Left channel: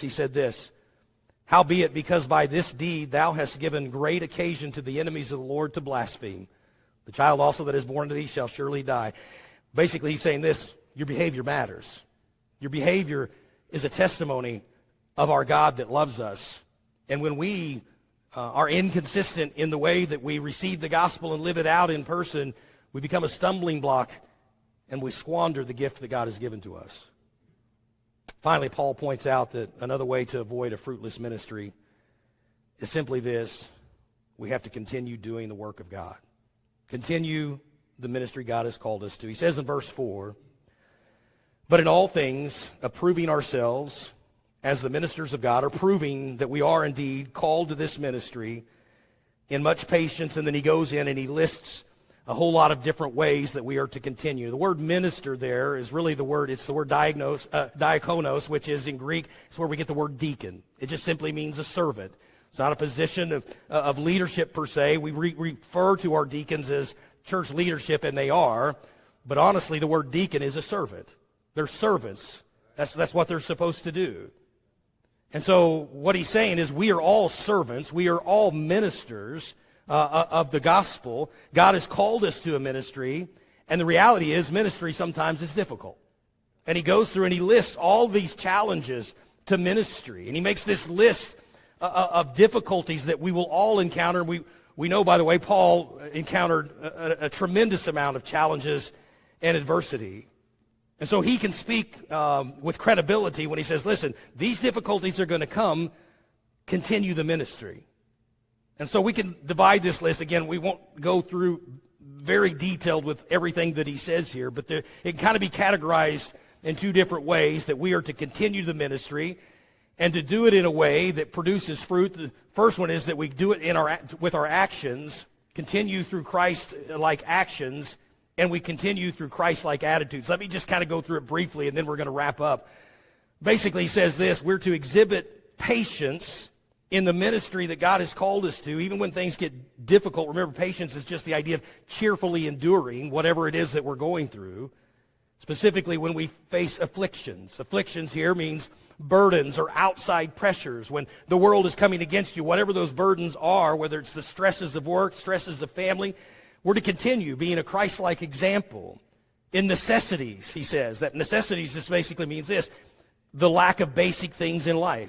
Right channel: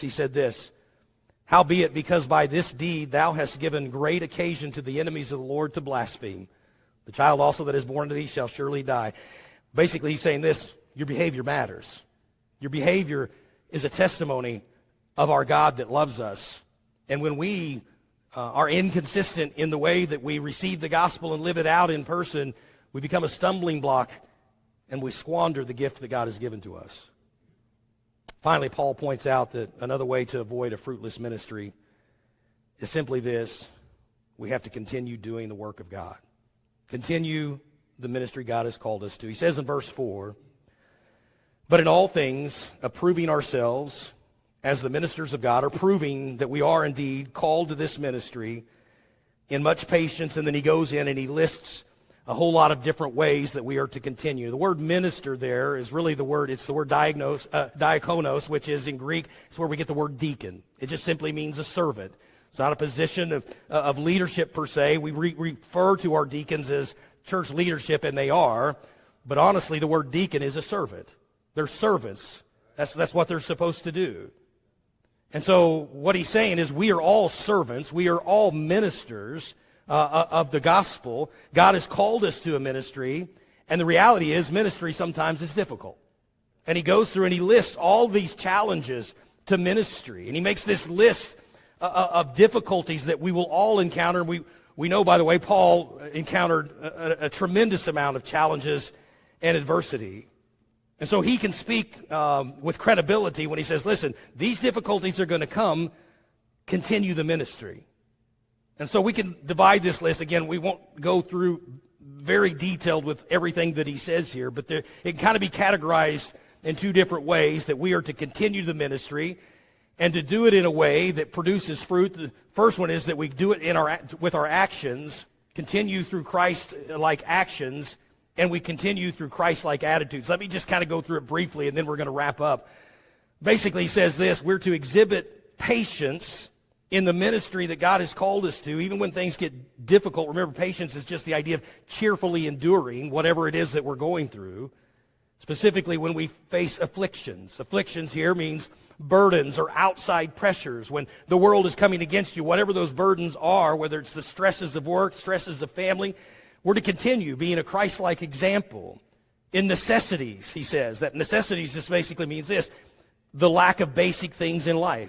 he said this, "Howbeit, because by this deed thou hast given great occasion to the enemies of the Lord to blaspheme, the child also that is born to thee shall surely die." Basically, he's saying this, your behavior matters. Your behavior is a testimony of our God that loves us. And when we are inconsistent in the way that we receive the gospel and live it out in person, we become a stumbling block and we squander the gift that God has given to us. Finally, Paul points out that another way to avoid a fruitless ministry is simply this: we have to continue doing the work of God. Continue the ministry God has called us to. He says in verse 4, "But in all things, approving ourselves as the ministers of God," or proving that we are indeed called to this ministry, "in much patience." And then he goes in and he lists a whole lot of different ways that we are to continue. The word minister there is really it's the word diakonos, which is in Greek, it's where we get the word deacon. It just simply means a servant. It's not a position of leadership per se. We refer to our deacons as church leadership, and they are. But honestly, the word deacon is a servant. They're servants. That's what they're supposed to do. And so what he's saying is we are all servants. We are all ministers of the gospel. God has called us to a ministry, and the reality is ministry sometimes is difficult. And he goes through and he lists all these challenges to ministry. And he makes this list of difficulties that we will all encounter. We know, by the way, Paul encountered a tremendous amount of challenges and adversity. And so he can speak with credibility when he says, listen, these difficulties are going to come, continue the ministry. And so we can divide this list. Again, we won't go through very detailed with everything that he says here, but it can kind of be categorized in two different ways, that we are to continue the ministry and to do it in a way that produces fruit. The first one is that we do it with our actions, continue through Christ-like actions, and we continue through Christ-like attitudes. Let me just kind of go through it briefly, and then we're going to wrap up. Basically, he says this: we're to exhibit patience in the ministry that God has called us to, even when things get difficult. Remember, patience is just the idea of cheerfully enduring whatever it is that we're going through, specifically when we face afflictions. Afflictions here means burdens or outside pressures. When the world is coming against you, whatever those burdens are, whether it's the stresses of work, stresses of family, we're to continue being a Christ-like example. In necessities, he says, that necessities just basically means this: the lack of basic things in life.